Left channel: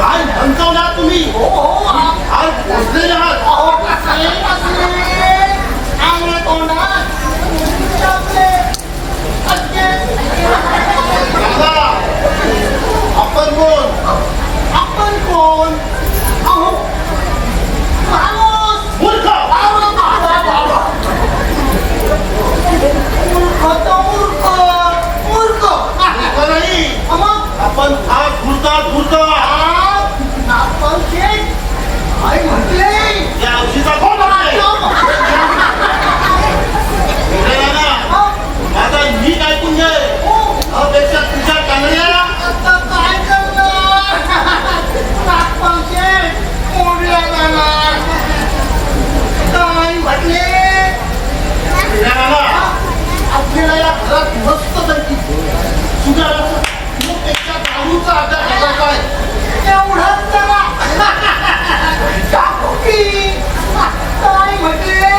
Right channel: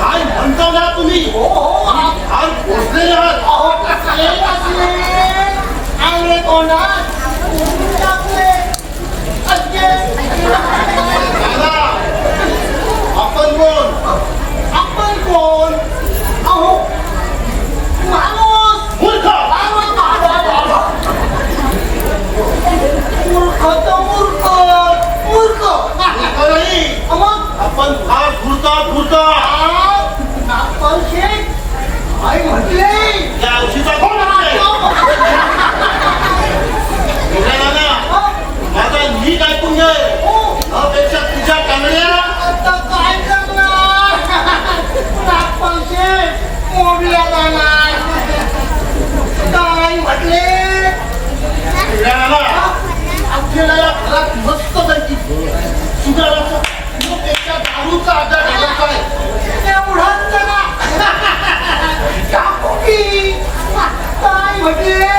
काय म्हणतो ना तुम्ही? हो हो आज पोचलेले आहात. अहो कसले असले आंगले तोंडात टाकले दादा, आपण कोण? आपण कोण? अहो माणूस मूर्ख. मूर्ख तर मूर्ख मूर्ख मूर्ख नाही, मग आपण फार धूर्त. आपण शेठ काय म्हटले या औषधा कोण आहे? ना माझा नीट ऐकून घे. अपेक्षा तुझ्या कांगड्याला आता काय करणार आपण शेठ कोंबड्या जाणार काय म्हटले आपल्याला या घरात मस्त पैकी सुधाराचं पेक्षा दारूचा अड्डा घालायचा आहे एवढाच जरा टाकू की काय म्हटले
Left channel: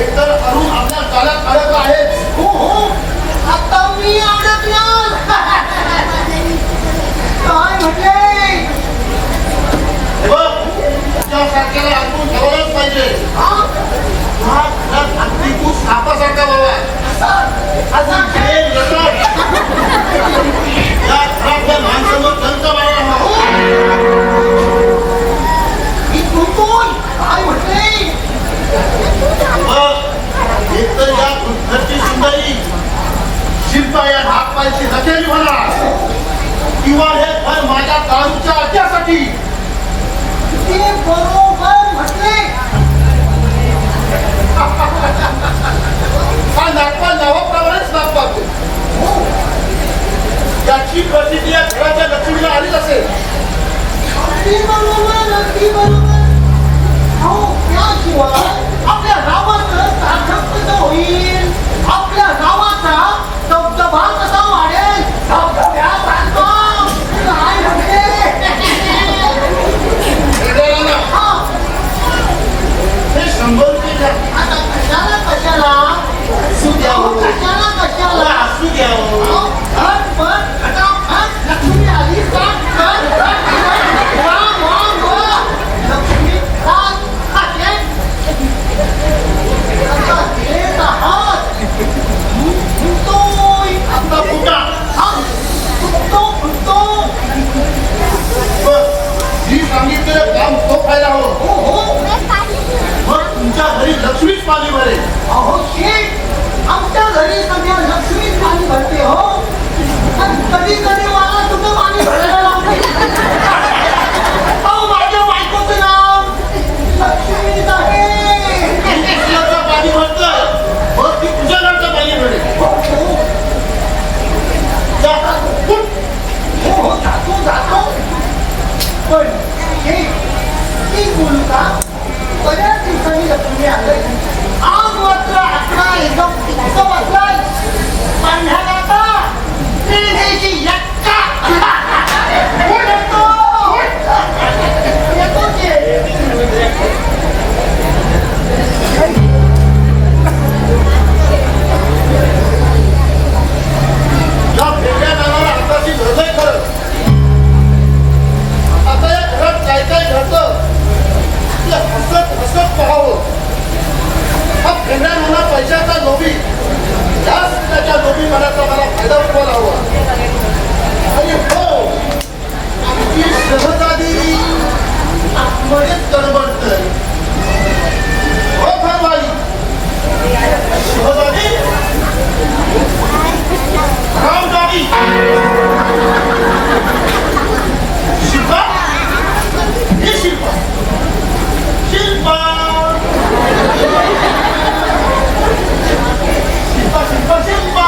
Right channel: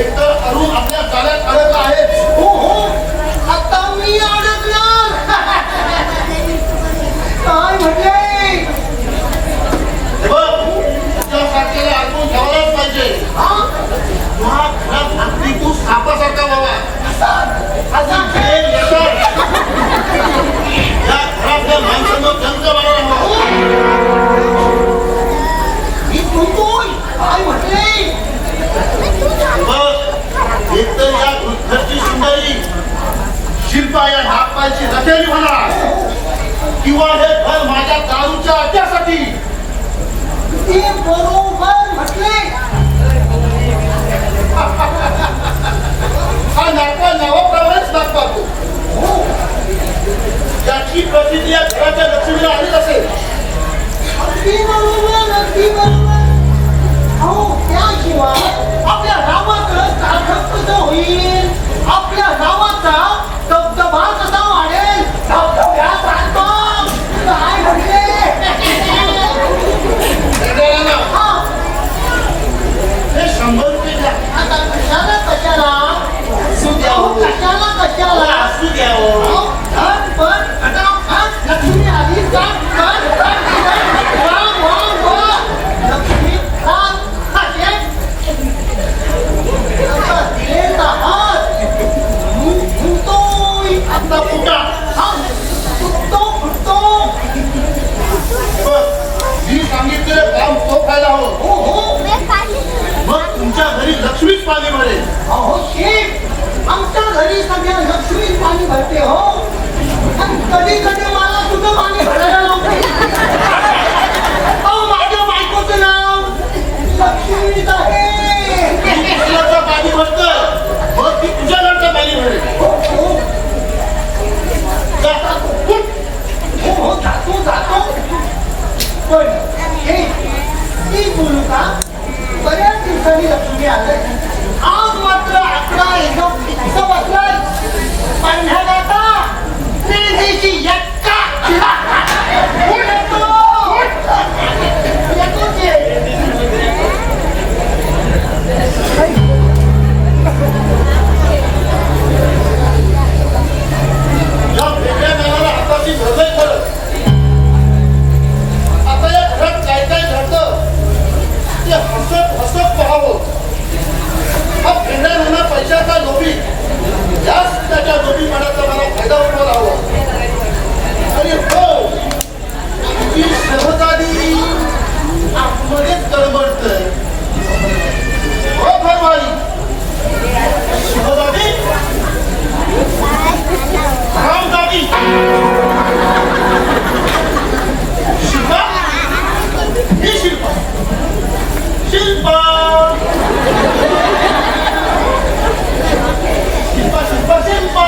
एकतर अरुण आपल्या चाल्यात अडकला आहे. हो हो आता मी अडकणार काय म्हटले बघ, त्यासारख्याला अडकून ठेवलाच पाहिजे. हा घरात अगदी तू सापासारखा व्हावा. असं हे येतात. या घरातल्या माणसांवर टंक मारायला हवा. मी बोलतोय काय म्हटले बघ, एकतर या घरची सुंदरी शिल्पा या नागपायची रखेली म्हणा, किंवा हे घर माझ्या दारूच्या अड्ड्यासाठी. ते बरोबर म्हटले हा नागपा नावाप्रमाणेच नागपा तो. याची प्रसिद्धी या घराच्या लक्ष्मीला आलीच असेल. अगदी बरोबर अगदी बरोबर हो त्याशिवाय आपल्या गावाचं सार्थक कसं होईल आपल्या गावाचा दबदबा कसा वाढेल धबधब्यासारखा काय म्हणते वेगळ्याला हा हे 100 रुपये घ्या. आता कशाला असू द्यावं. कशाला असू द्यावं. पण फटाफट लक्ष्मी आली लक्ष्मी आता कुठं फुटतो बस, मी सांगितलेलं काम तो फायदा हो. हो हो मग तुमच्या घरी लक्ष्मीच पाणी भरेल. अहो शेठ आमच्या घरी सध्या लक्ष्मी पाणी भरते हो पण कधी कधी मला तुझं पाणी भरायला लावते अहो माझ्या बायकोचं नाव लक्ष्मीच आहे घराचं पाणी भरतं, मग ती तुझ्या घरचं पाणी भरेल. हो हो जा, उठ. हो जातो पण शेठ मी बोलू का बऱ्याच दिवसांनी लक्ष्मी आलंय आज मात्र आकडा एकदम इथं बसलाय पांढऱ्याचा त्रिदेशी यक्का येतो या वेगळ्या नावाला हाताची धरलंय खरं. आता या घरात काय काय घडतं ते हसत पाहावं. हा फेंडा नाना पैशाचा लोभी, याच त्याच्या लोभीपणाचा मला फायदा उठवायला हवा. आणि हो, आमची सहजादी आतमध्येच तळमळतंय. हो घरवाली, सहजादी रामदादी शिल्पा, हे शिल्पा शिल्पा शिल्पा शिल्पा शिल्पा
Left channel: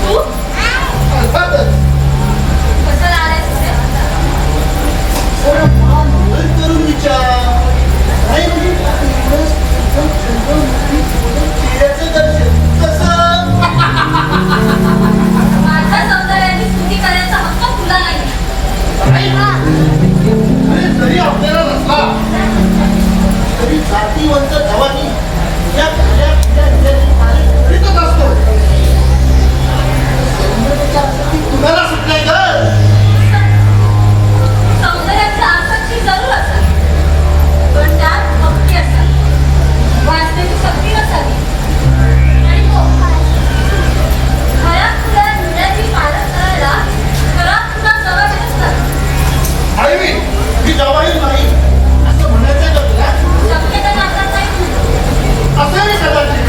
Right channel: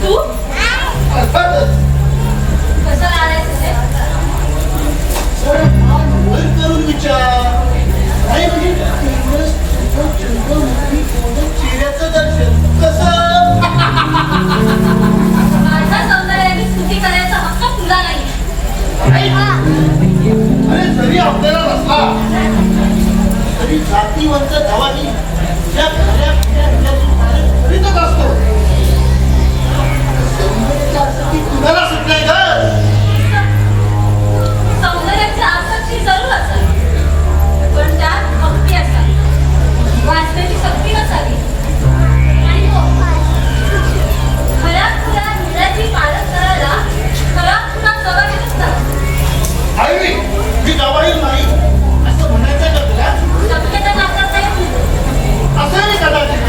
तू अर्थातच कसं आलाय तुझे थोडं फार बदल करून विचार. नाही म्हणजे चेहऱ्याचं दर्शन कसं? माझ्या सौंदर्याची स्तुती करायचा हक्क तुला नाही. नाही. अरे जरी आपल्याला नसला तरी जातीवंत धावानी या खऱ्या पिढ्या करीतच असतो. सौंदर्याच्या अर्थाची कुणाला सुटलाय ग? सौंदर्याची आसक्ती जरूर असेल, पण त्यात भक्ती असावी, वाचण्याची शक्ती नसावी. आणि हो, खऱ्या खुऱ्या निर्णयाची पालन करायला खरा खुना जबाबदारीच करा. आईवी, मी जवाहीर नाही असं म्हणायचंय का तुला? शक्यता नाकारता येत नाही. असेल कदाचित.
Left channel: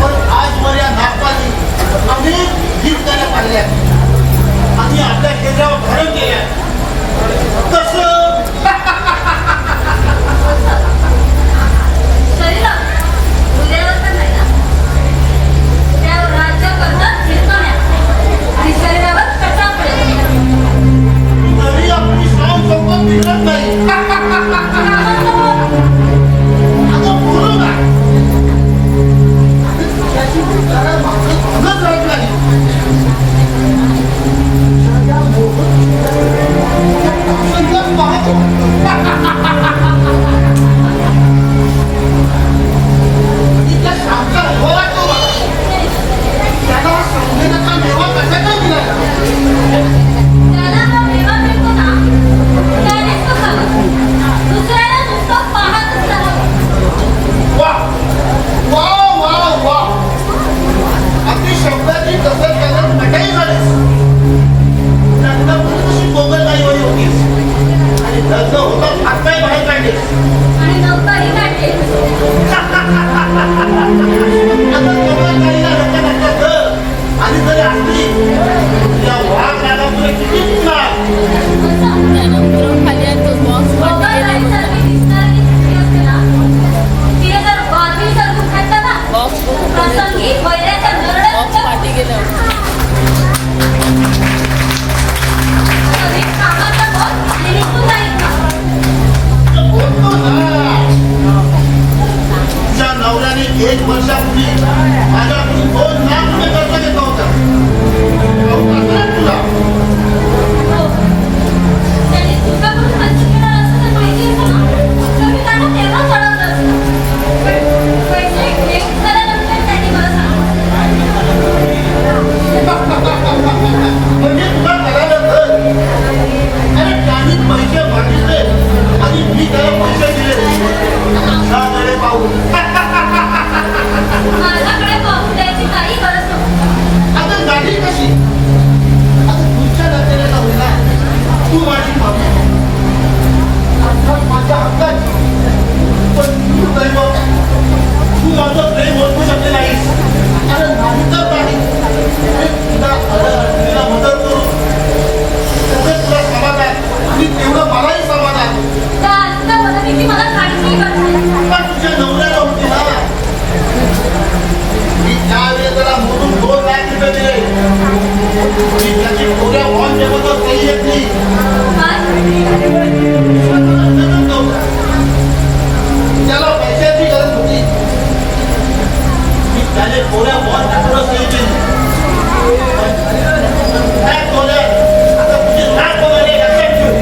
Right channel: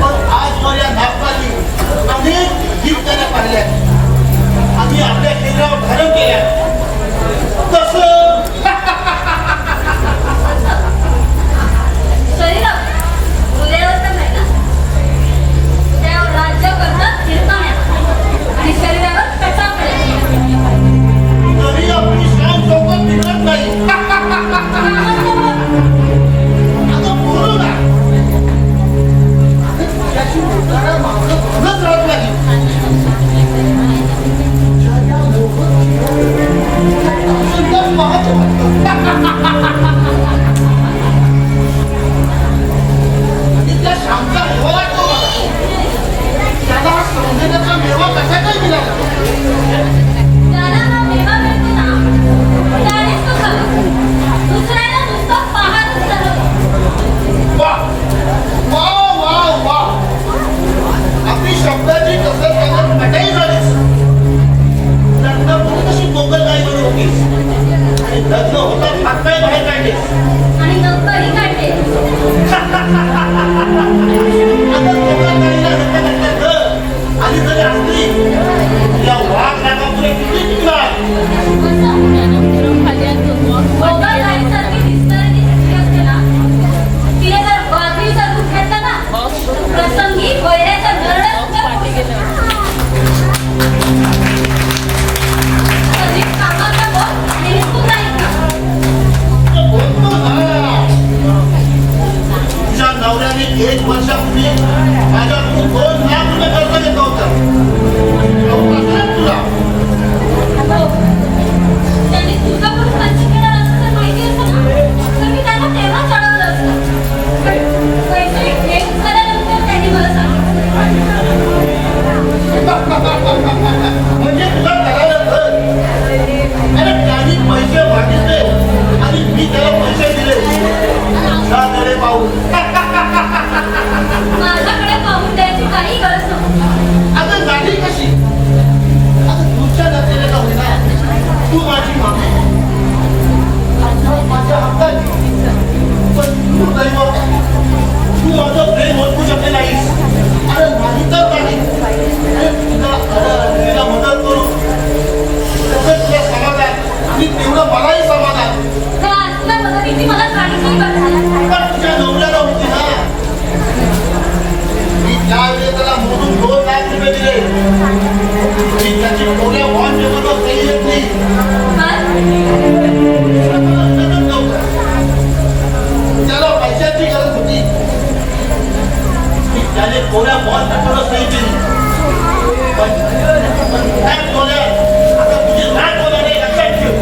पण आजवर या नागपाली अनेक गीत त्याला पाहिल्या आणि आपल्या शरीरावर धारण केल्या. कसं? शरीरावर, हृदयावर तर नाही ना. हृदयावर राज्य करतात हिरकण्या आणि शरीरावर कटापडे. तरी आपली शान चौकत बिघडत नाही. अगं बोलू ना. अगं तुझ्याशी बोलताना माझं भानच राहत नाही. तुझ्या मोहक पाहतो. आणि त्या शामचा मेवा वाटतो मला. त्याला सौंदर्याचा मेवा कसा काय मिळाला? त्याला हा मेवा मिळतो ना, त्यानेच तो खातो. दुसऱ्याला नुसतं पाहतच राहावं. वा वा वा वा, आपली शब्दाची कसर करत मटाई झालीस. लग्नापूर्वी कशी गोगलगाईवाणी होतीस आणि लग्न होताच हातपाय बाहेर काढलीस. आणि नौकरी काढते. आता गोगलगाईला रक्त नसतात ग. आणि जरी असली या वाघ रागापुढे किती टिकणार? गोगलगाईसारखी दिसणारी जी स्त्री असते ना, तिने जर बाजरीचं रूप घेतलं ना, प्रसंगी वैऱ्याचा नरडच कधी कामाचा बोध आणि निघून जाईल का? बोलतो ना. तुझ्या नवऱ्याने 1 वर्षापूर्वी माझ्याकडून 2 लाख रुपये कर्ज घेतलं होतं. ठाऊक असेल तुला? हो. त्यांनी तुझ्याकडून खर्च केला असतं तर माहिती असतं ना, तर मी त्यांना तेव्हाच अडवलं असतं. पण पैसे घेऊन झाल्यानंतर त्यांनी मला सांगितलं. म्हणजे तुला करायला तर. अरे त्यांनी पैसे मागितले आणि मी त्याला पैसे दिले. त्याकडे पाहून माझ्याकडे पाहून द्यायची काही गरज नव्हती. आता गाडी कशी? आता पुढच्या नात्याला जाऊ ना. तू माझी मामी, अर्थात माझ्या हक्काची. पण तू दैव, तू माझं प्रेम ओळखू शकले नाहीस. अरे नाही तर नाही. अरे तिला मदत करू, तसंच तुला समाधान आणि तेवढं मलाही समाधान. त्या आजच्या मदतीची मला काहीच गरज नाही. पण तुझ्या नवऱ्याला होती ना. मी त्यावेळेस त्याला मोडून 2 लाख रुपये दिले. मी त्याची थोड्या बॉन्ड जमावर सही येत नाही. त्याला पैशाची गरज होती. मी त्याने थोड्या बॉन्ड जमावर सही दिली. पण काय बोलाय आता तुझी नाक बोलायला लक्षात ठेव.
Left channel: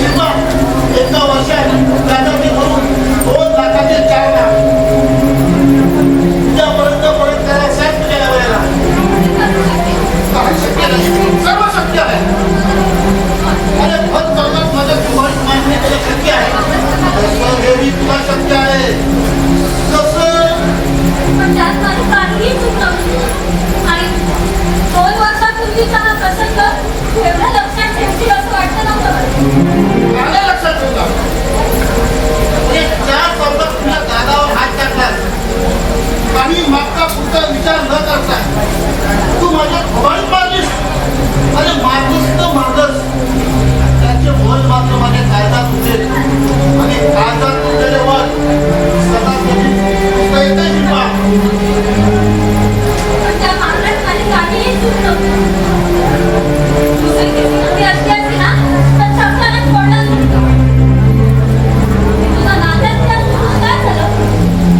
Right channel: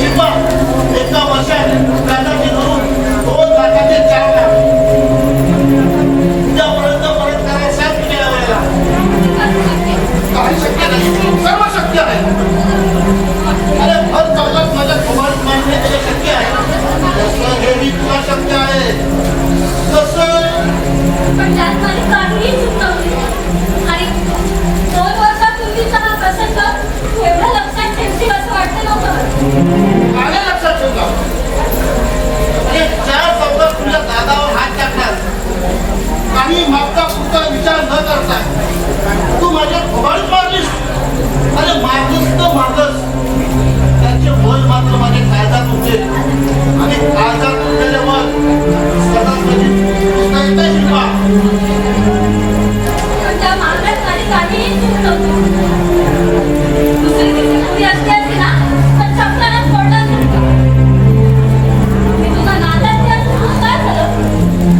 शिल्पा, एका वर्षात व्याजाचे धरून 2 लाखाचे 4 लाख तुझ्यापर्यंत परत करायला सांग तुझ्या नवऱ्याला. काही शक्य नाही, सर्व शक्य आहे. अरे भर चौकात माझ्या कुमारी मान्य केलं शक्य आहे. तसं हेही तुला शक्य आहे. कसं? पण त्यात माझी काहीही चूक नव्हती. आणि 2 वर्षापूर्वीचा हा प्रसंग एवढा लक्षात ठेवतील असं वाटतं नव्हतं. आले लक्षात ठेवला. अरे 4 चौकात तुझ्या दादावर हात टाकला आणि मागचा पुढचा विचार न करता तू माझ्या खबाळीत मारलीस. अरे मारलीस तर मारलंस. त्याचे बळ मात्र माझ्या काळजात होते आणि काळजात उरलेले बळ सदा कधी पुसता येतं शिल्पा. पण त्या मारण्यात माझी काहीही चूक नव्हती. दुसरी किती मुली असली असती ना, तर चपलानं फोडलं असतं. मी तुझा नात्यातली असून काय झालं?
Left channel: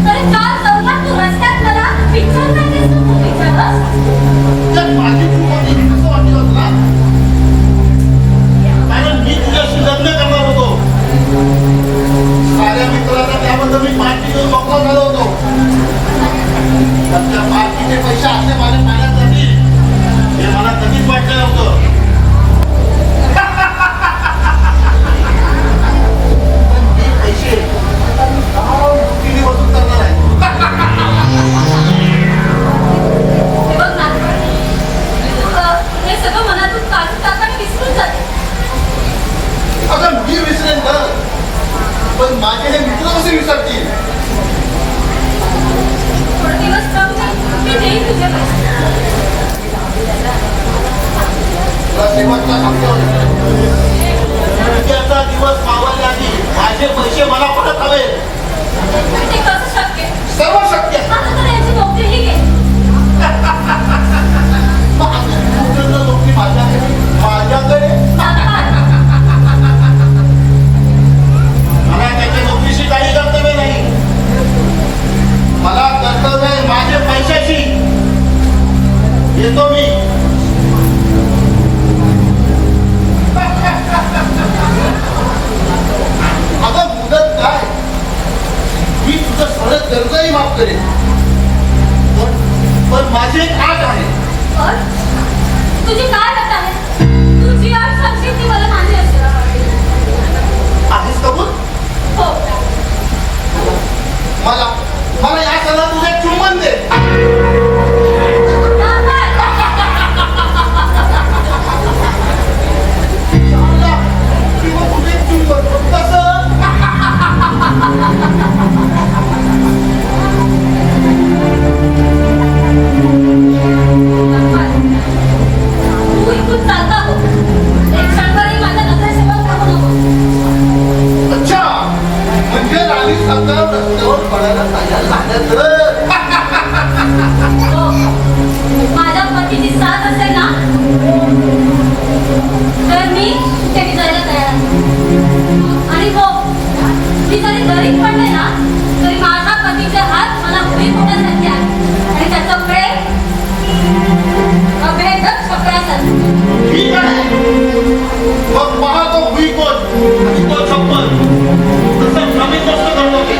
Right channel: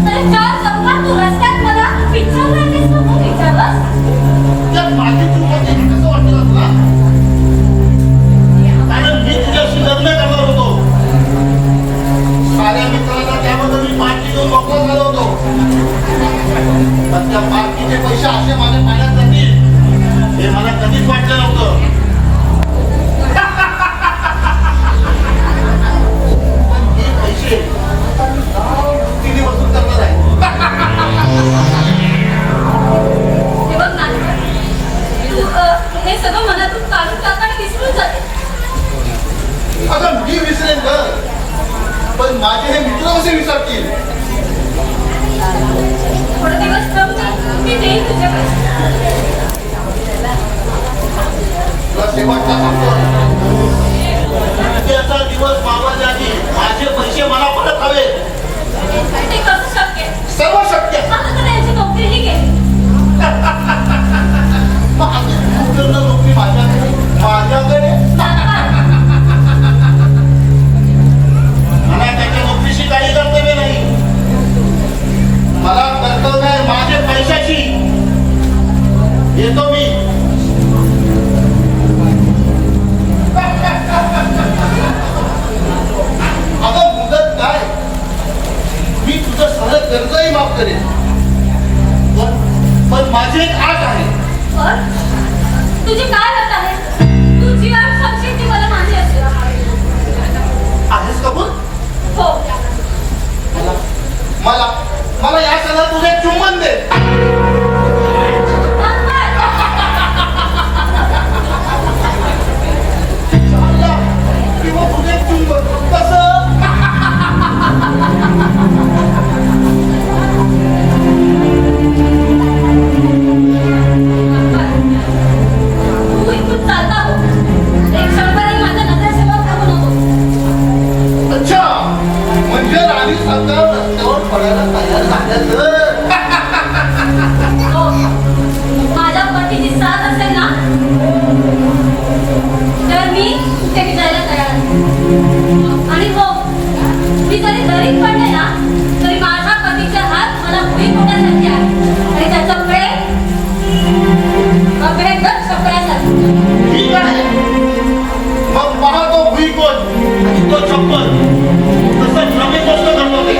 तरी 4 चौकात तू रस्त्यात मला विचारलं नाहीस, तू खूप विचारलं. असे माझ्या पाण्यात जातील हे मला कधीच वाटलं नव्हतं. पण हे पैसे किती वसूल करणार आहे? हे बघ ना, हे सगळं मनातून काढून टाका आणि विसरून जाते. अगं मी विसरेन ग, पण माझे हे मित्र कसे विसरतील? थोडे दिवस थांब, मी देईन तुझ्याकडे. तुला शेवटचा सांगतो, उद्याचा दिवस मावळल्या आधी माझे पैसे मला परत हवे. ते कसं शक्य? सर्व शक्य. आता तर यांची नोकरीही गेली. नोकरी माझ्याकडे मला त्याच्या नोकरीशी काही कर्तव्य नाही. मला कर्तव्य आहे माझ्या पैशाची. येतो मी. अगं मुदत काय, मी तुझं सगळं कर्जही माफ करेन, पण माझी एक आट आहे. तुझी काय अट आहे? तुझी अट सांगशील ती मला मान्य असेल. आधीच कबूल. हो. मला या सणात तुझे चुंबन दे. किंवा तुझे चुंबन कसं? तू इथून चालता हो. एक क्षणभरही माझ्या नजरेसमोर थांबू नको. अच्छा, म्हणजे राणी सरकार रस्त्यावर पडायला तयार झाल्या तर? हो. माझ्या पतीची साथ असेल ना, तर मी तुझ्याकडे जायला तयार आहे. आणि हो, मी जरी गरीब पडले ना, तरी माझ्या पतीचे हात मला भुई मोठ्यासारखे आहे आणि त्याचं प्रेम अभेदक छपड्यासारखे. ठीक आहे, मग पहा तो भुईकोट आणि तो छप्पन तसं नवीन गोष्ट घडवते.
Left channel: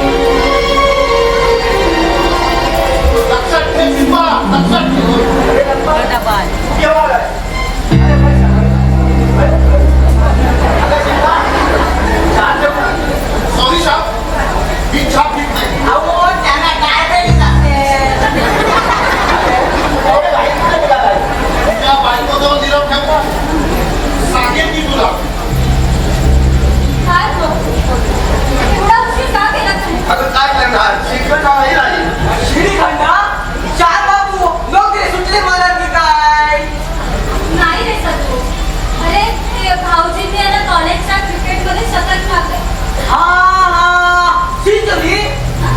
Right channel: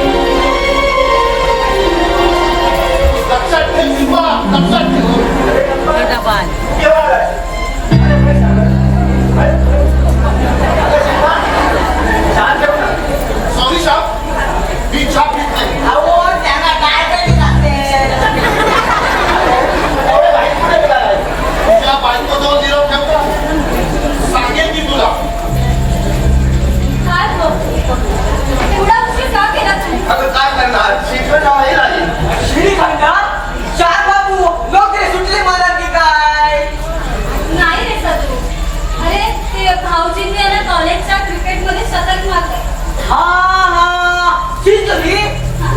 लक्षात ठेव शिल्पा, लक्षात ठेव. सॉरी साहेब, मी चहा पीत नाही. तुझ्या बायकोजवळ निरोप ठेव. सांगेन की तुला. काय हो? एवढा उशीर का केला तुम्ही? अगं काय करणार, श्रीखंड नाही राहील. श्रीखंडा चार बाबू लोक ते सुटले महाराज की काय? नाही रे सदू. अरे ते भाऊजींनी याला कॉलेजच्या क्रिकेटमध्ये शतक मारलं. शिजली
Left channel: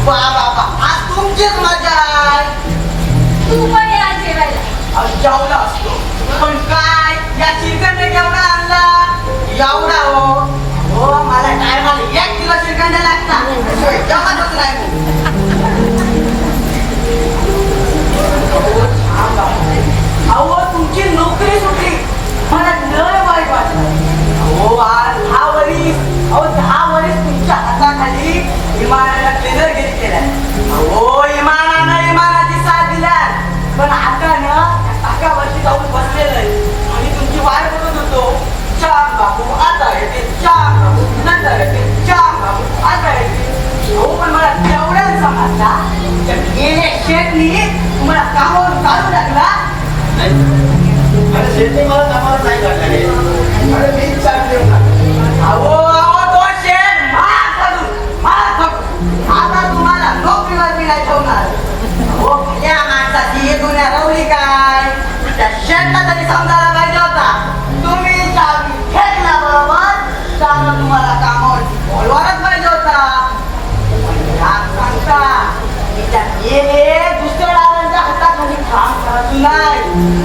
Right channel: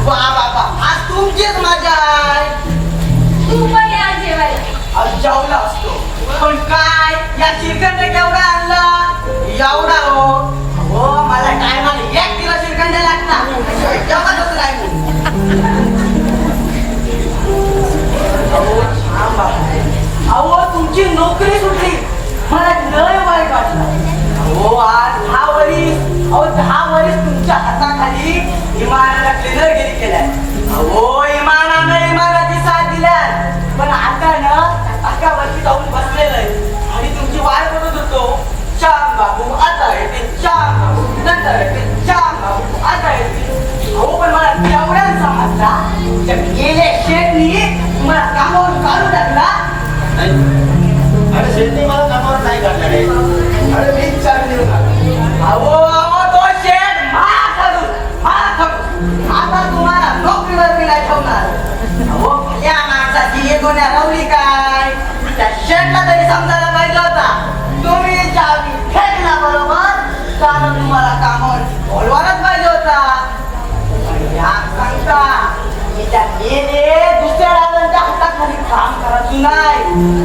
बाबा आज तुमचीच मजा आहे. तू पण या जेवायला. आज जेवला असतो पण काय या श्रीखंड केवढा आणला एवढा हो मला टायमाला 1 किलो श्रीखंड लागतात. जमातच नाही. अहो तुमची नोकरी सुटली मला लय वाईट वाटलं. हो आज 10 वरीस तुमच्या हाताखाली इमानाला क्लिनरगिरी केलाय. हो इमानानं इमानाची साथ दिल्या पण आता ना 11 वर्षी जाऊन बसलेलं आहे आणि तुमची वाट बघत होतो. चार बाबू आता येते, चार बाबू नंतर येते, चार बाबू आता येते. हो पण मला तेवढ्याच समजला गेले शेटनी मला कामावर काढून टाकला. अरे शेती मला कामावर नाही काढणार. अरे मीच चालते. अहो तो शेठ आता तुम्हाला नोकरीवर मी नाही ठेवणार. हो या माणसाची एक गुन्हा रवली काय त्या शेठला तरी समजायला पाहिजे होता. तुम्ही चावी फेकला बरोबर त्यानं तुम्हाला कामावरती बोलवायलाच पाहिजे होता. सांगता गेले दुसऱ्या ड्रायव्हरच्या हाताखाली काम करायचं नाही.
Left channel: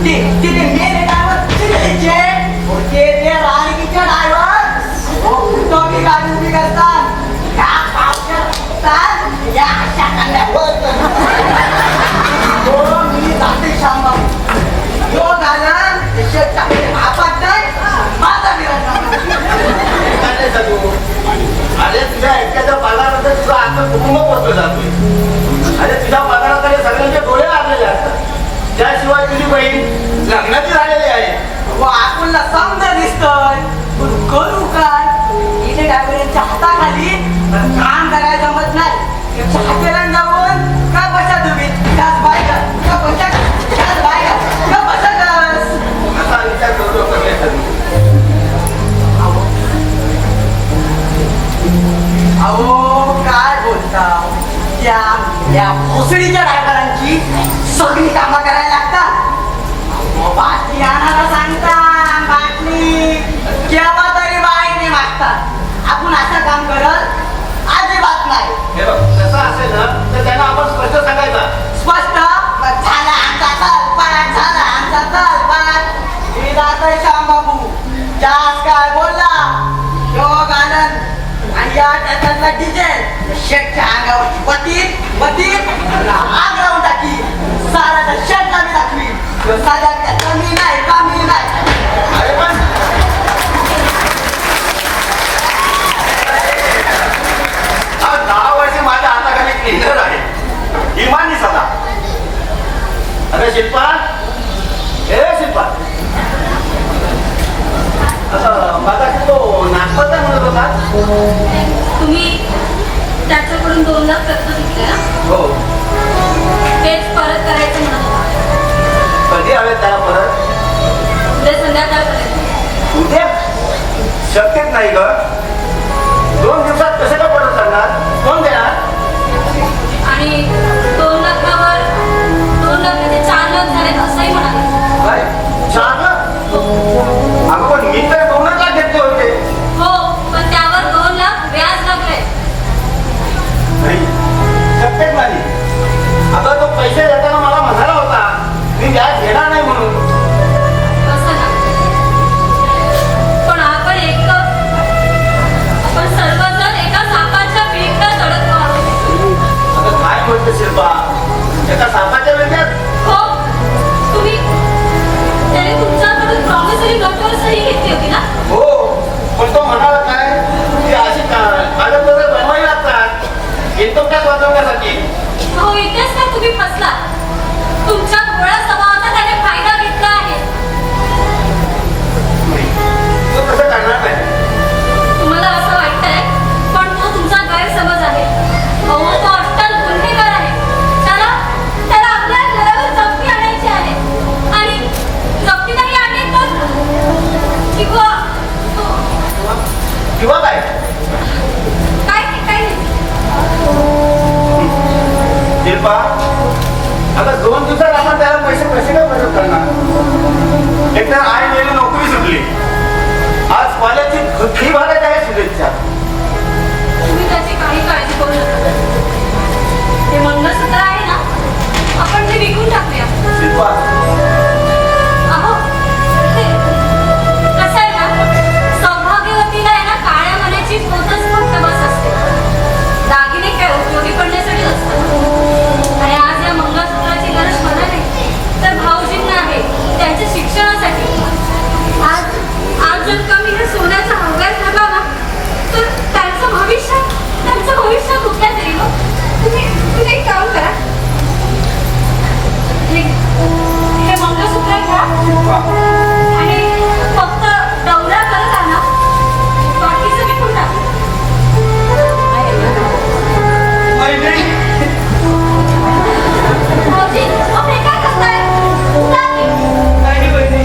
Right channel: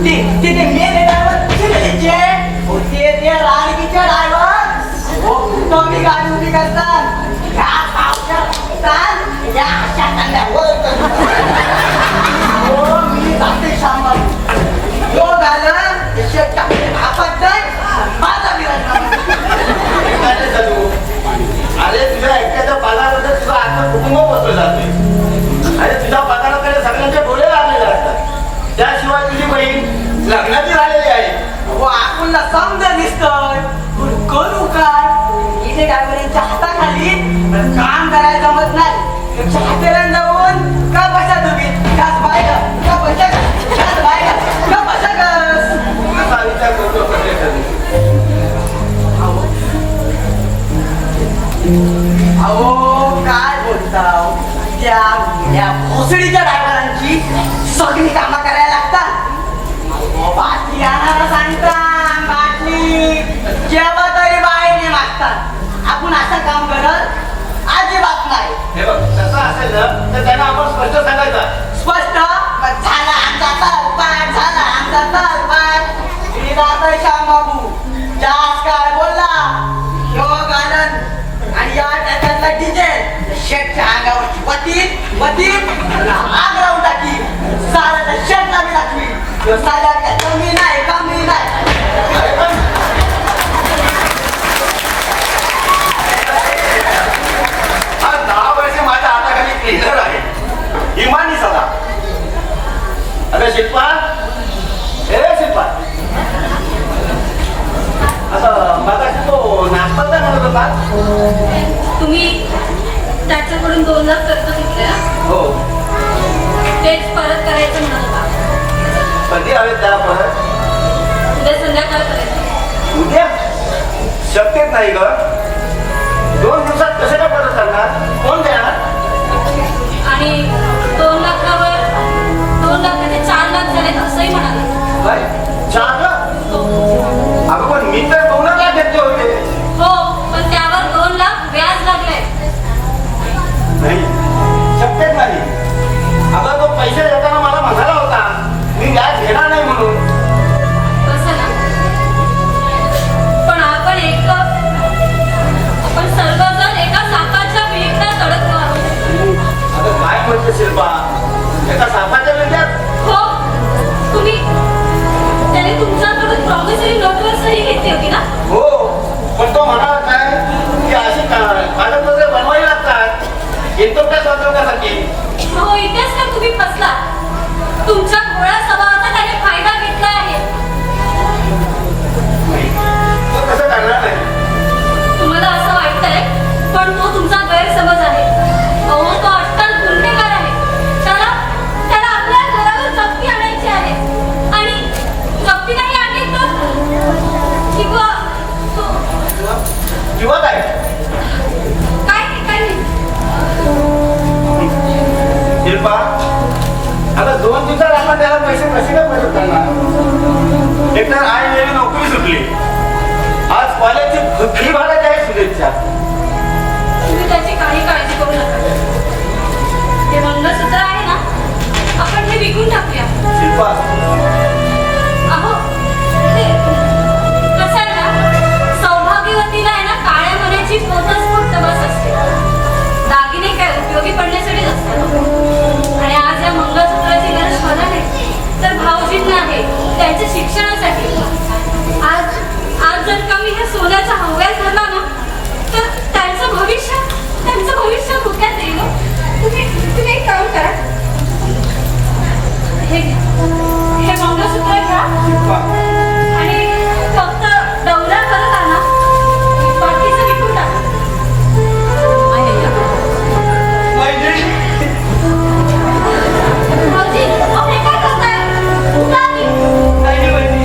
ते मेन ड्रायव्हर ते राणीच्या ड्रायव्हर तुम्ही गाडी उभी करतात ह्या पावसात या अशा कंड्यावर मी जाते शांबा तो झाला आपण माझा अरे तुझ्या एकट्याच्या पगारामध्ये तुझा आता कुटुंब बसलं जातोय. अरे तुझ्या पगाराकडे सगळ्यांचे डोळे लागलेले असतात. त्या याशिवाय तुझी बहीण लग्नाची झालेली आहे. व आपल्याला समजा दिसतंय करू काय इथे डायव्हरांच्या हाताखाली काम करायला जमत नाही हातेला जाऊन का बसा तुम्ही काच बायका का बसा काच बायका का बसा गस असा विचार करतो कधी. अहो काय बोलताव या भोसडीच्या ड्रायव्हरांची सगळी कामं करायला लागतात. अहो, बाटली आणायला सांगता बाटली केव्हा तरी बाहेरने मागतात. आपण असं काम करत अजिबात नाही. हे बघ तसं असेल ना तर त्यांना आपण स्पष्ट सांगायचं. स्पष्ट झाला आमचा तलपाट झाला आमचा तलपाट मी जातोय श्याम बाबू जास्त काय बोलला योग आनंद आणि या त्याच्यातला डिझेल शेटच्या अंगावरची वतीत आग लावून टाकी साऱ्याचा शेटला मी दाखवी साऱ्या कमी नाही कमी नाही. अरे पण हा 10 वर्ष माझ्या हाताखाली क्लिनर आहे इमानी सदा. अरे शिल्पा ए शिल्पा आता माझा तो नागपाचा म्हणत होता. तुम्ही त्याच्याकडून 2 लाख कर्ज घेतले ना हो तेच परत करायचं म्हणत होता. कधी हवे त्याला परत? उद्या संध्याकाळपर्यंत. उद्या शक्यच नाही ग. 2 दिवसात कसं काय परत करणार? कोण देणार? आणि 2 लाखावर 2 लाखाचे 4 लाख झाले असंही म्हणाले. काय 4 लाख? हो अगं पण मी तर 2 लाख घेतले होते. हो पण त्यावर 2 लाख व्याज लागले. नाही शक्यच नाही. अगं तो पैसे देताना मला म्हणाला होता मी व्याज घेणार नाही म्हणून. असं ना पण आपण सर्वजण एका सापाच्या विळख्यात अडकलो आहोत. आता काय म्हणतो शिल्पा एका सापाच्या वेळेत? हो तुम्ही त्याने तुमच्याकडून प्रॉमिसरी नोटवर सही घेतली होती ना. हो पण तो म्हणाला काय की अशी कागदपत्र बनवावी लागतात इनकम टॅक्स वाचवण्यासाठी. हो इथेच तर तुम्ही फसला. तुमच्या गोळ्या स्वभावाचा त्याने फायदा घेतला आहे. तो कसं करणार नाही. तुम्हाला असं वाटतंय पण तो तुमचा गैरसमज आहे. अहो तो अट्टल गुन्हेगार आहे. त्याला आपल्या घरावर जप्ती आणायची आहे आणि जप्ती नाही आणली तर किंवा काय काय नाही. शिल्पा आता 2 दिवसात आपण त्याला पैसे कसे काय परत करणार? एकतर आई वेळी नोकरी सुटली. आज कॉलेजची फी भरायची आहे शुभेच्छा. तुम्ही त्याची काही काळजी करू नका. हे मंगळसूत्र आहे ना आपण हे विकून टाकूया. शिल्पा अहो हे कसं आहे ना सौभाग्यवतीला आहे ना काळ्या मण्याची पोतच फक्त बस असते. दागिने काय उपयोगी पडण्यासाठी नसतात. आणि आज या मंगळसूत्राची गरज मला नाही तर भाऊजींना आहे त्यांच्या शिक्षणासाठी. आज जर का मी हे सोन्याचा हव्यास धरला ना तर त्यांचं भविष्य धोक्यात येईल. तुम्ही एक काम करा हे मंगळसूत्र घ्या आणि फक्त दौरा करत आणा. बाकीचं विकून टाका. भाऊजी आपण काय करताय? उठा की. नाही बहिणी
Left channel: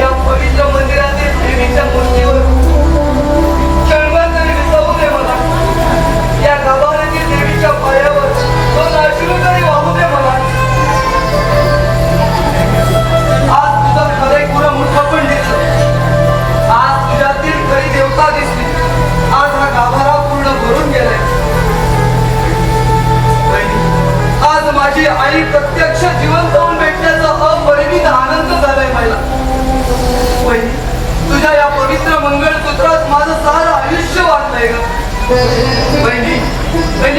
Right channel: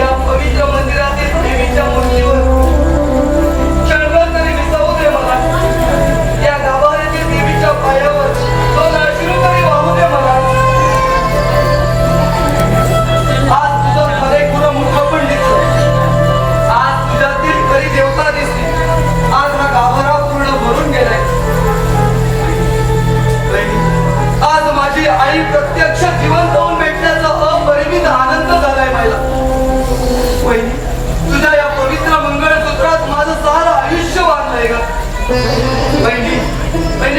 या पवित्र मंदिरातील देवीच्या मूर्तीवर क्षणभर तरी विसावू दे मला. या गाभाऱ्यातील देवीच्या पायावर 2 अश्रू तरी वाहू दे मला. आज तुझं खरे खुरं मूर्ख पण दिसलं. आज तुझ्यातील खरी देवता दिसली. आज हा गाभारा पूर्ण भरून गेलाय. आज माझी आई प्रत्यक्ष जिवंत होऊन भेटण्याचा अपरिमित आनंद झालाय मला. वहिनी तुझ्या या पवित्र मंगळसूत्रात माझं सारं आयुष्य वाढलंय ग. बहिणी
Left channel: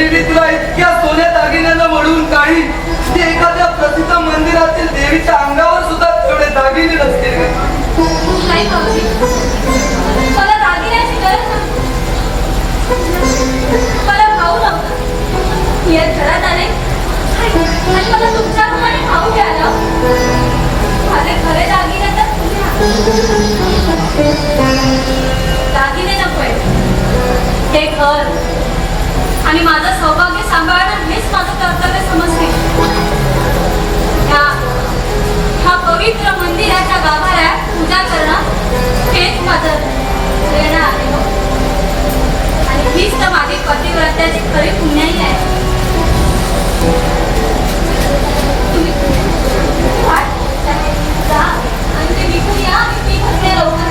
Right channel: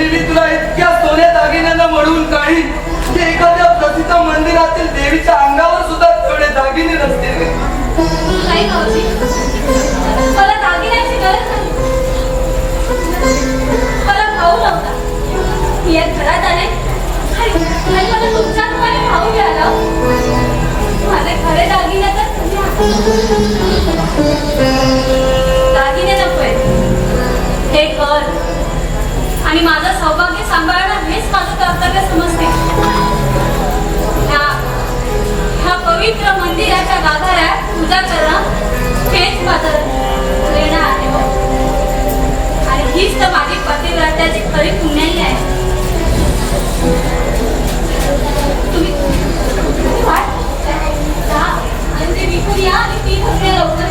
मी तुला इतक्या सोन्या दागिन्यांना मळून काढी की एखाद्या प्रसिद्ध मंदिरातील देवीच्या अंगावर सुद्धा तेवढे दागिने नसतील. नाही भाऊजी मला दागिन्याची गरज नाही. मला भाऊ नव्हता. मी या घरात आले आणि मला तुमच्या भाऊ घ्यायला पवित्र मंदिराच्या गाभाऱ्यात पूजा करणं हेच माझं प्रेरणा आहे. आणि हीच तर माझी पतिव्रत्याची खरी पुण्याई आहे. तुम्ही जा आणि ते विकून या आणि ती घटने लवकर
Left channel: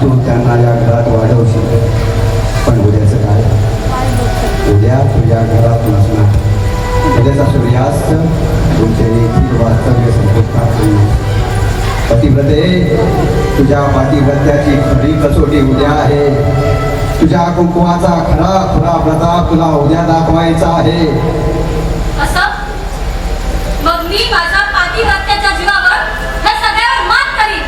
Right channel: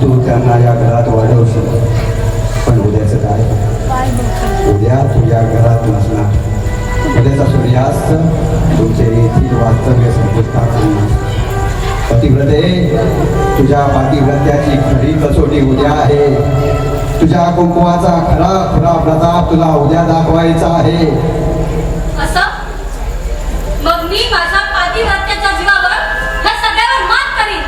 तू त्यांना या घरात वाढवशील, पण उद्याचं काय? उद्या तुझ्या घरात नसणार. उद्याचा सूर्यास्त तुमचे येथील वास्तव्य संपुष्टात येईल. पतिव्रते, तुझ्या पातिव्रत्याची खरी कसोटी उद्या आहे. तुझ्या कुंकवाचा खरा खरा प्रताप तुला उद्या दाखवायचा आहे. असं मग मी माझ्या पातिव्रत्याच्या जीवावर ह्या सगळ्यावर मात करीन.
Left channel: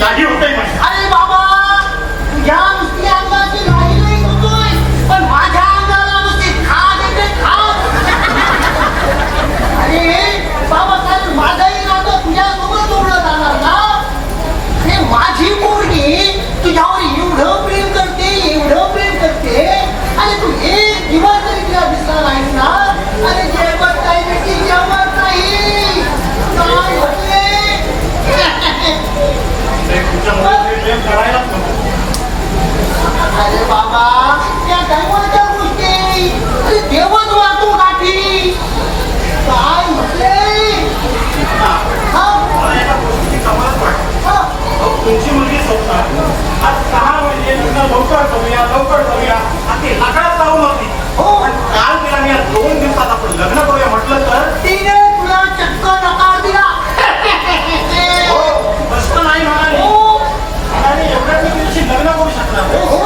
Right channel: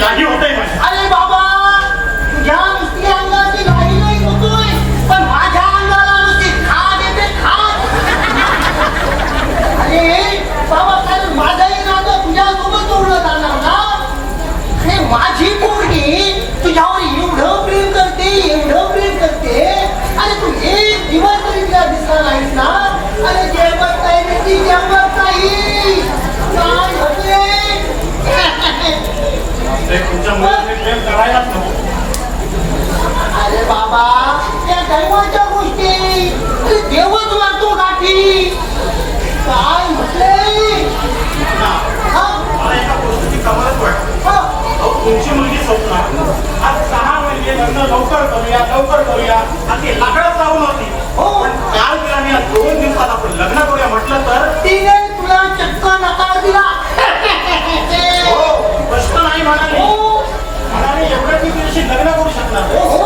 लाही होतंय. अरे बाबा, तुझ्या नुसती अंगाची लाही नाही होतोय, पण माझ्या अंगाला नुसती खाज येते, खाज. अरे बाबा, कारण माझाही नातं तुझ्यासोबत जोडलं जाणार ना. आणि माझी पोरगी तुझ्यावर एवढं प्रेम करते, एवढं प्रेम करते, आणि तू एक दिवस तरी तिला दिसला नाहीस ना. आणि जेवत नाही बेटी, जेवत नाही. काय म्हटले? प्रेम करायलाच नको. अरे बाबा, त्या दैवाच्या गोष्टी अरे देवच वागतो गाठी. काय म्हटले? तुमची मुलगी स्वप्न आज 6 महिने नंतर लवकर करूया आणि ती लाकडात जाऊ नव्हती. हो, काल तिला मी 2 दिवसात आपण लग्न करूया म्हटलं तर तिने तुला चक्क नकार दिला. हो, स्पष्ट नाही म्हणाले. म्हणाले एवढ्या मी तिच्याशी लग्न करू शकणार. हो,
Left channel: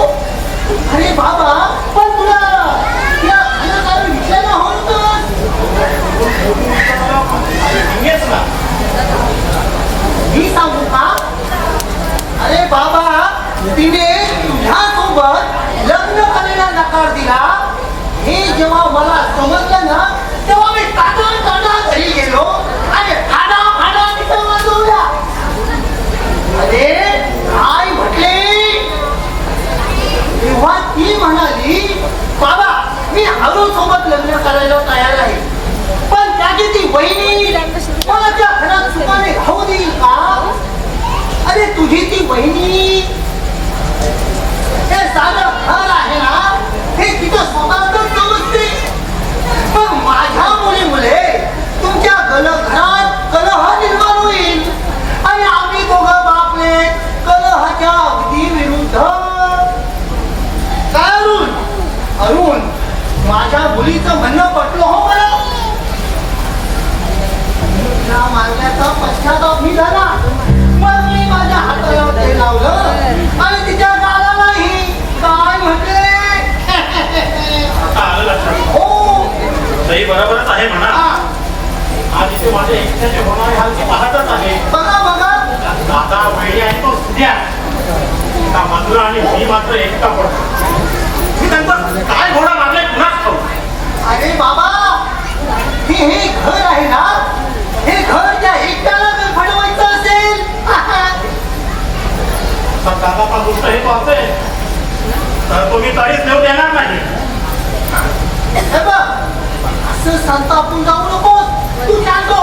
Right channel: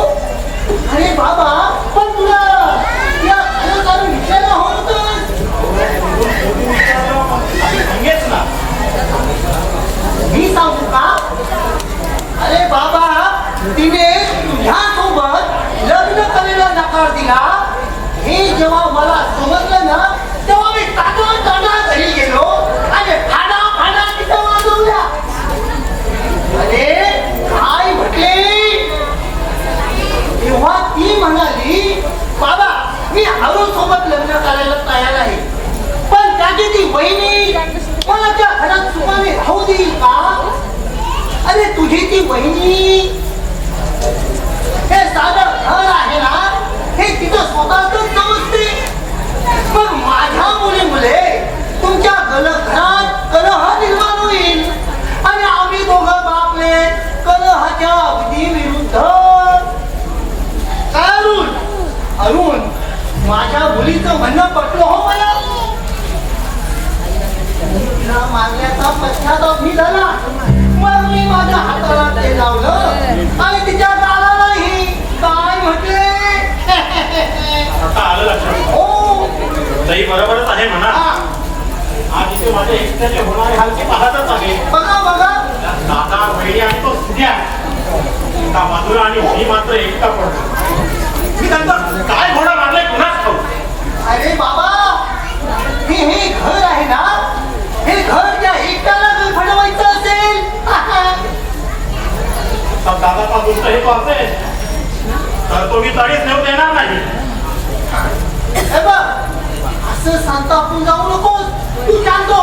अरे बाबा, पण तुला या कारण विचारला होतं. सांगेच ना. मी सांगू का? अरे बाबा, तिने तुझ्यासोबत लग्न करायला नकार दिला. हे जेव्हा मला समजलं ना, तेव्हा मी काटा घरी गेलो आणि फाडा तिथे वाजवल्या. अरे काय म्हटले? तेव्हा ती म्हणाली, बाबा मी हळू सोबत लग्न करायला तयार आहे, पण त्याची ती बहिणी मला त्या घरात सुखाने राहू देईल का? अरे तुझी ती बहिणी, हे साधं घर आहे ना, हे तिचं स्वतःच समजते. पण माझ्या मुले तुमच्या घरात कलह निर्माण होईल आणि आम्ही दोघं बापले कलहाच्या अगदी विरुद्ध. काय अरुण, माझ्या मुलीचं म्हणणं पटलं हो मला. तिला मारल्याचा पश्चाताप मी झाला. मग मी माझ्या हाताला ते लावलं आणि तिच्या गालालाही. काय म्हटले? आता आलं लक्षात. हो, तरी बरोबरच आहे म्हणा. आज इथे माझे एकट्याचे होणारे हालती पाहतच आहे. बघा दादा वहिनी आणि तो सुद्या मधुरा आणि मी मात्र एकटा पडतो. मी त्यांचं काय घोडा मारलाय कुणाच ठाऊक. अरे बाबा, हे घर आहे ना, हे घर त्या एकट्याला जर फडवायचं असेल तर दादाचा दुष्ट हे पाहते तर तो मी तडीच नेऊ देणार नाही. हे बघ, असं संतापून जाऊ नकोस. तू सांगतो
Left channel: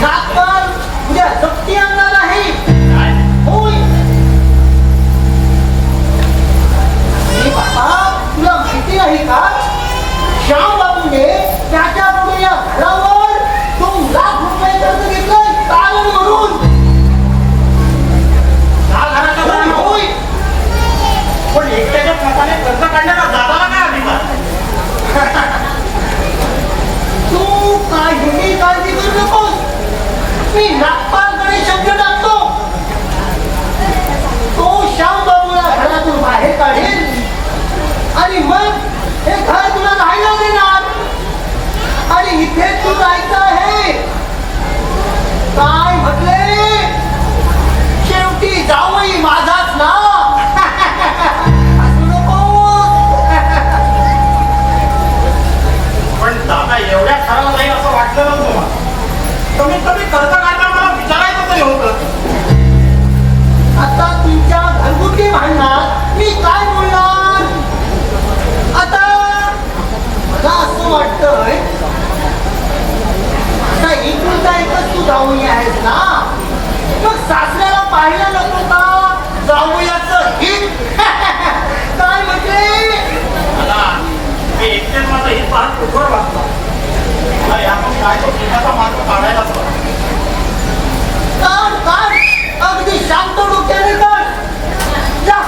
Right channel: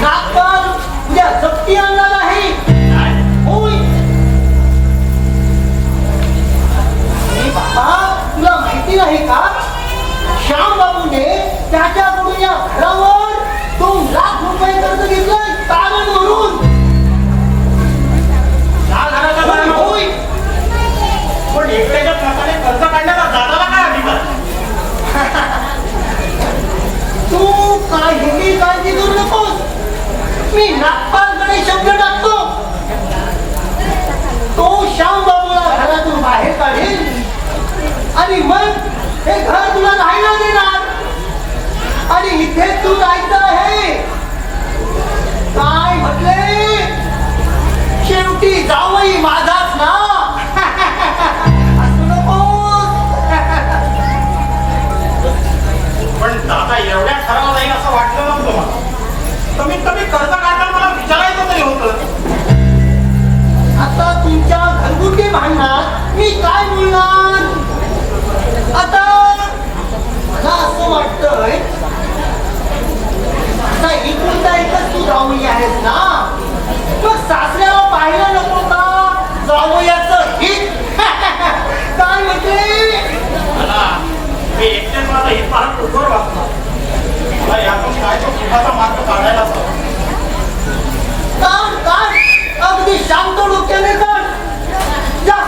नागपाल उद्या जप्ती आणणार आहे. होय. हे बाबा, तुला माहिती नाही का, श्याम बाबूने त्याच्याकडून या घरावर 2 लाख रुपये कर्ज घेतलंय तारण म्हणून. हा घराचा मालक होय. पण एकट्याच्या हाताने कर्ज काढण्याला दादाला काय अधिकार? तू काहीही काळजी करू नकोस. मी नागपालकडे शब्द टाकतो. तो श्याम बाबूला घरातून बाहेर काढेल आणि मग हे घर तुला राहायला देणार आणि इथे तू जायचं आहे. काय म्हटले? शेवटी जावई माझाच ना. असू नकोस. पण दादा एवढ्या खराला जाईल असं वाटलं नव्हतं मला. कमीत कमी कर्ज काढताना मला विचारायचं तरी होतं. आता तुमच्या घरगुती भांडणात मी काय बोलणार? आता मला असं वाटतंय, आता एकुलता एकच तू जाऊया आहेस ना, मग सासऱ्याला पाहायला नको का? जाऊयाचं हित. काय म्हटले? मला मी एकट्यात माझं हित पाहत उघड वाटतं. मला यातून काय तो पिठाचा मार्ग काढायलाच हवा. काढ काढ, अगदी शांत डोक्याने काढ. जा,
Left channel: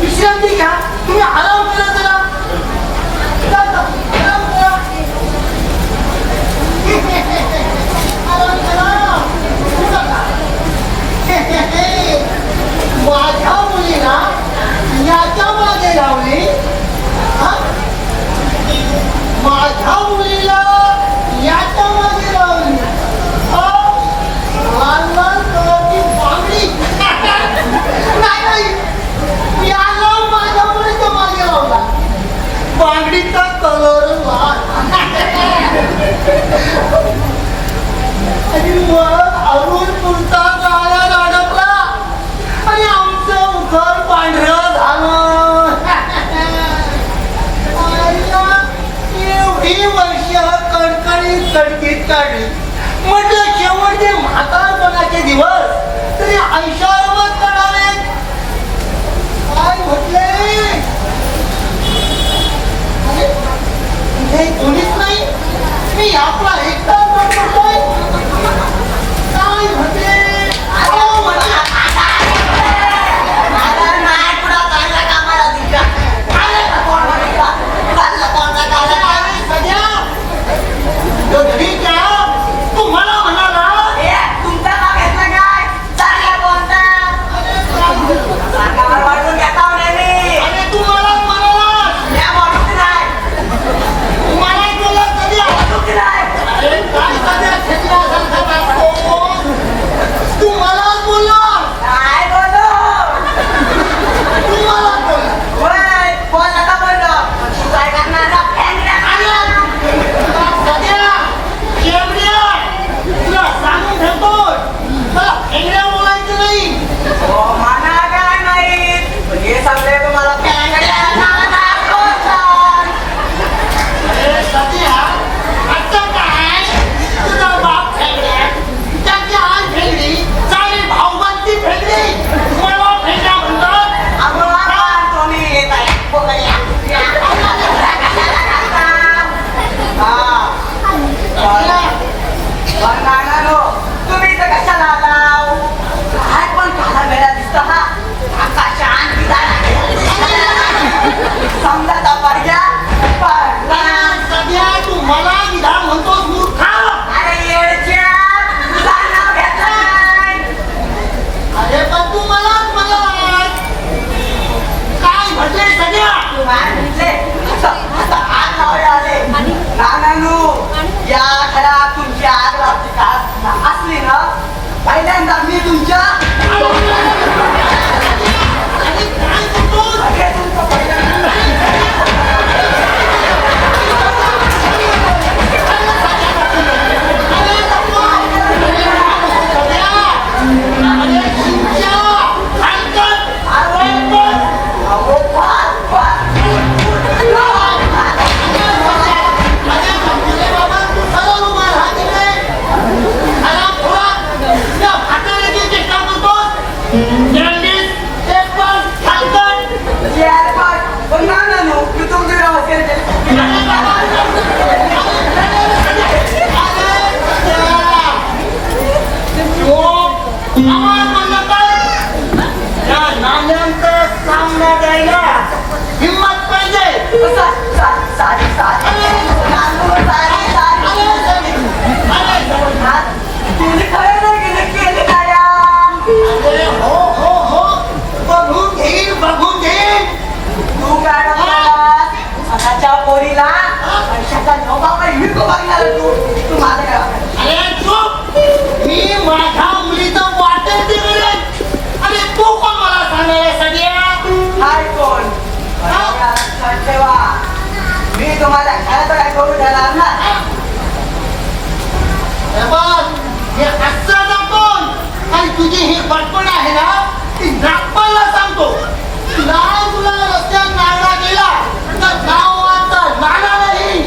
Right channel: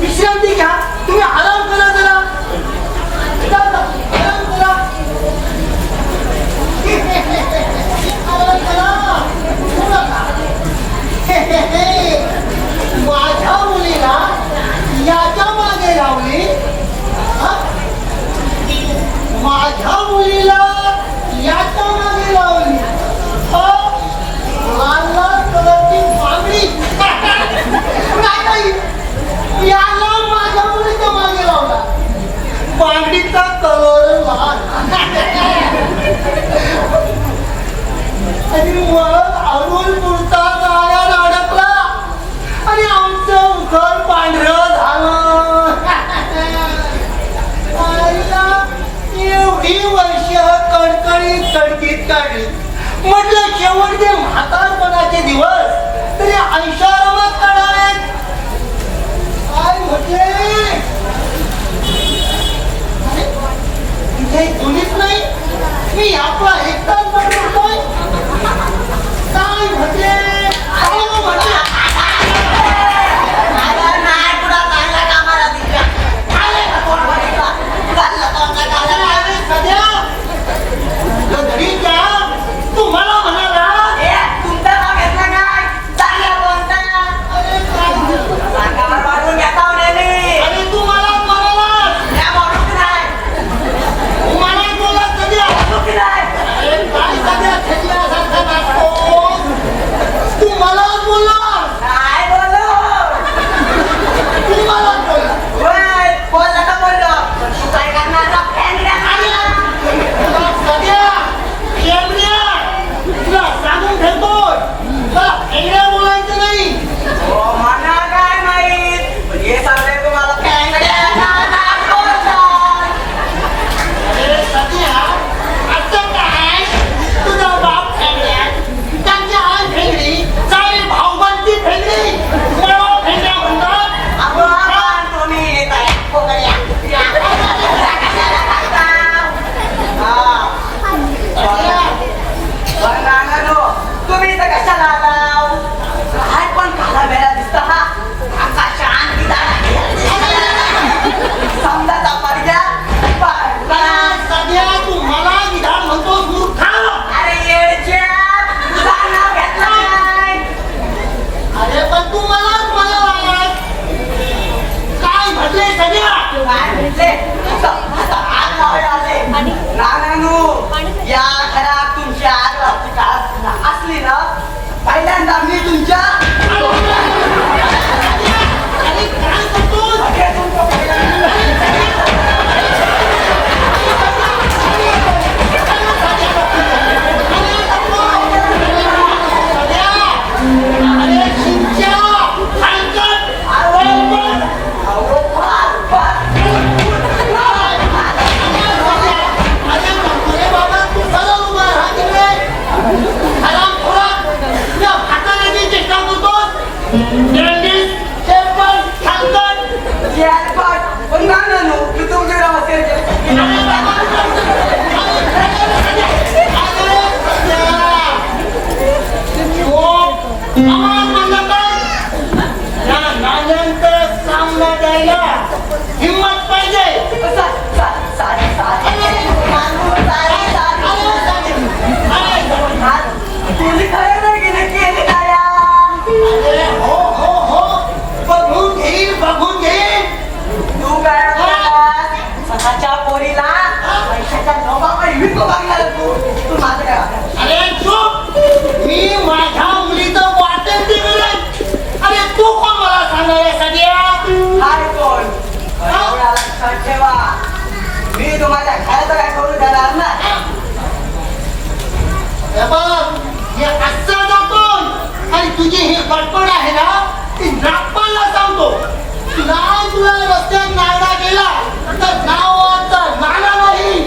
विश्रांती घ्या. तुम्ही आराम करा जरा. जा, जा, आराम करा. आराम करा. पुढं जा. माझ्या मुलीला याच्या मागे लावली. हा? माझ्या मुलीला याच्या मागे लावली. लाल लाल कलरची बांगडी. नाही, याला माझ्या मुलीच्या मागे लावला. बांगडीचा कलर लाल. आणि मग अरुण पुरता गाड्यात अडकला आणि आमचं उखर पांढरं झालं. एवढी वर्ष कडकडीत कडकीत काढली. म्हटलं शेवटचे म्हातारपणाचे दिवस तरी ऐशारामात काढावे. काय म्हटले? अरे, हे जुनीच नाही, मी आपला एकटाच बनवतोय. काय म्हटले? अहो, म्हटलं. अरे, सध्या घरी क्या तू मला म्हणाला? तुमचं नाव घेतलं काय? चाललं कोणता? अरे, काय झालं? सांगावर वाढून घेता मी. अरे, तू मलाच म्हणालास. त्या वाढून नाही. मलाच बोला कधी आला? वाढून नाही. अरे, काय सध्या खेकल्यासारखं दाखवतोस? तू मलाच बोलला. काय बोलू? तू मलाच बोलला. होय, बोल नका बोलू. तू काय करणार ना? फॅन टाकणार. सध्या केवढ्या तुला सांगून ठेवतोय, तुला खेकड्या बोलायचं नाही. हो, मला काय माहित? हे सगळे तुम्हाला कॅंगड्या नावानं बोलतात. अरे सध्या आता काय तुझा बाप फेगड्या, त्याची आई फेगडी, सारी भाऊबंदी फेगडी, मला फेगड्या म्हणतात. अगो, आपण तुम्ही बाया, बोकड्या. हा. बरं, नानानो, तुम्ही इथं कशाला आलाव? काय पण काला वेळा दिसता हा? आका शांती समजा पडल्या अरे सध्या तू मला विधान म्हणतोस मूर्खा. अरे येडच्या, तुझं नाव घेतलं नाही. अरे पण तू मलाच म्हणालास. काय म्हटले सध्या? काय म्हटले? असं आग लावायला आले. नानानू, या घरात तुमची आग लावची का असली ना, पहिल्यांदा मी तुमच्या अरे काय करतोस? हे तुमचं अरे शिंच्या, हलकट, हलकट. अहो, फार, फार. अरे बाबा तू सरळ उभा राहा तिकडे. अरे ना नो मी तुमची राहत केली हिम्मत पाहिजे तुझी खरं नाही गेले केली काय अरे हो हो हो बघून घेईल तू काय म्हणलास? स्वतःच्या पोरीला पैशाचा नोबावर विकू लागला तू माझं काय अरे चूप मी माझ्या मुलीचं वाटेल दिलं अरे तू कोण मला सांगायला सगळ्या हाय कोण एवढा लक्षात ठेवा मी तुम्हाला काय तर काय करून देणार ना हे बघ हे आजचा दाखवून आणि तुझी ही बडबड आहे ना ती नागपालला सांगतो तुला रस्त्यात नागडा गेला तर नावाचा नाणा नाही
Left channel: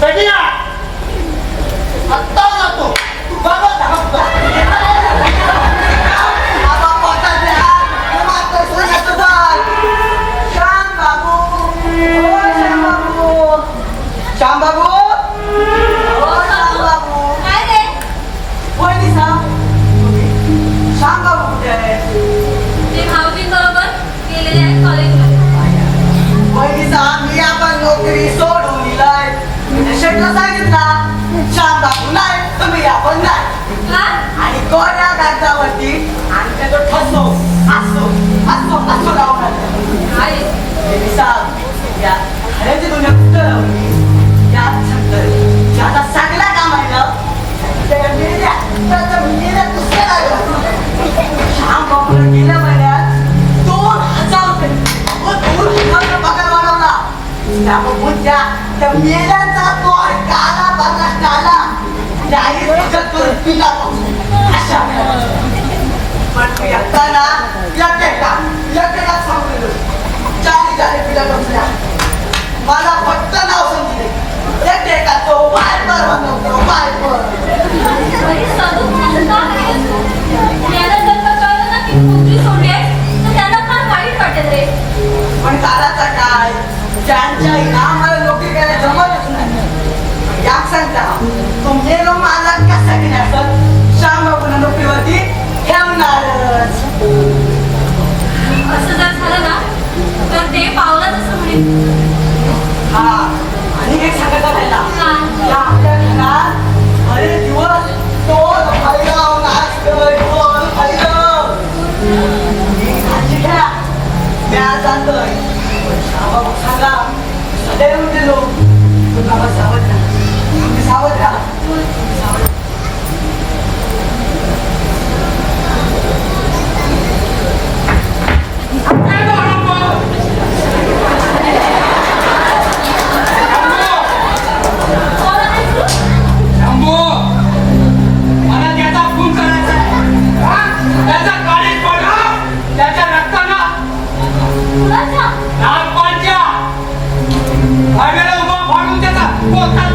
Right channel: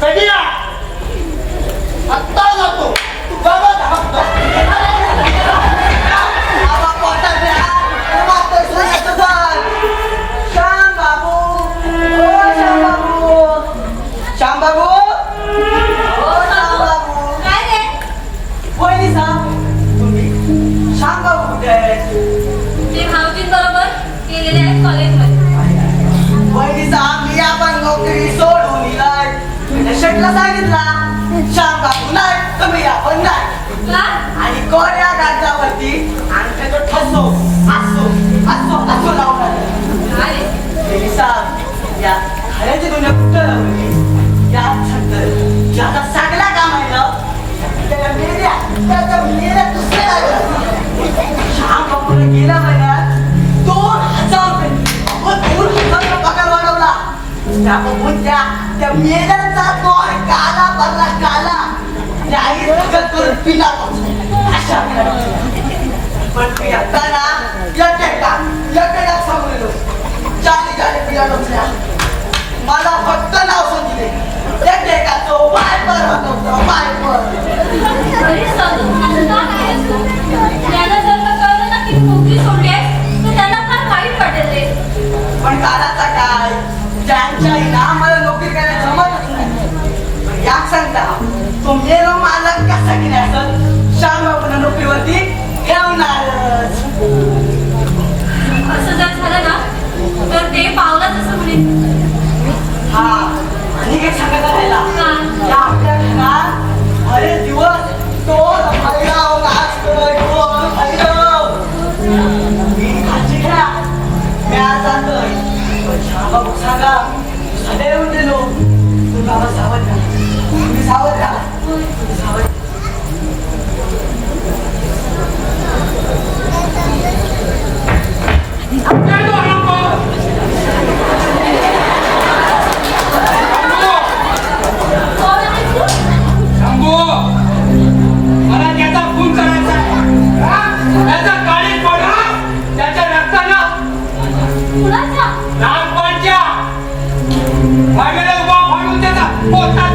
सगळ्या आत्ता जातो तू बघत बाबा पोटात द्या तुम्हाला तो सांगायचं जर श्याम बाबू ओ श्याम बाबू श्याम बाबू ओ श्याम बाबू काय रे वहिनी सांग श्याम बाबू कुठे आहे ते भाऊजींबरोबर गेलेले आहेत कॉलेजमध्ये वहिनी सांग मी आपण नोकरी सोडून दिलाय शेटला सांगितला श्याम बाबू नाही तुम्ही आपण नाही का आणि कोण्या कागदावरती आणि त्याचा ठसो असो असो असो लावून आलं काय रे? वहिनी सांग या खऱ्याची दुनिया कुठं लावली या छंद ज्याचा सगळा काम आहे ना त्याच्या मेल्या दुसऱ्या लागला श्याम बाबूला गेल्या महिन्यात 2,000 रुपये 2,000 पगार वाढवला त्या बाबूच्या त्या मेल्यांचा तोड काला भरला काला त्याही सगळं करून पिला अशा पण तू एकटा एकट्या सांगलेलो चारी पिल्या बसल्या मला फक्त नाव सांगितले एकट्या तो बाहेर घरी सदुपयोग का करायचं? त्यांना जर का कळलं ना की नोकरी सोडली आहे, तर त्यांना फार वाईट वाटेल रे. पण कालाचा काय ज्यांच्या इनामाला नोकरी करायला जमतच नाही याक सांगता तो मेरो माझा कसा केला असत श्याम बाबूला नोकरीवरती ठेवणारच असं जर झालं ना तर ते पावलाच असं म्हणेल. हा आणि एक सांगायला राहिला हा. या आपल्या घरात बरेच दिवस तो भैरव नाचतोय ढोल भैरव मी काळजी घ्या मी आज जातोय श्याम बाबू सांगा सदैव गेलो तू गावात सावध राहा तुम्ही सावध राहा तुम्ही सावध राहा. शंभू मला त्याचा खून करायचा आहे त्याच्या गाडीत पडला त्याच्या रक्तानं कुणाचा? लहानपणच्या भांड्याला उभा फाडून त्याचा पोटात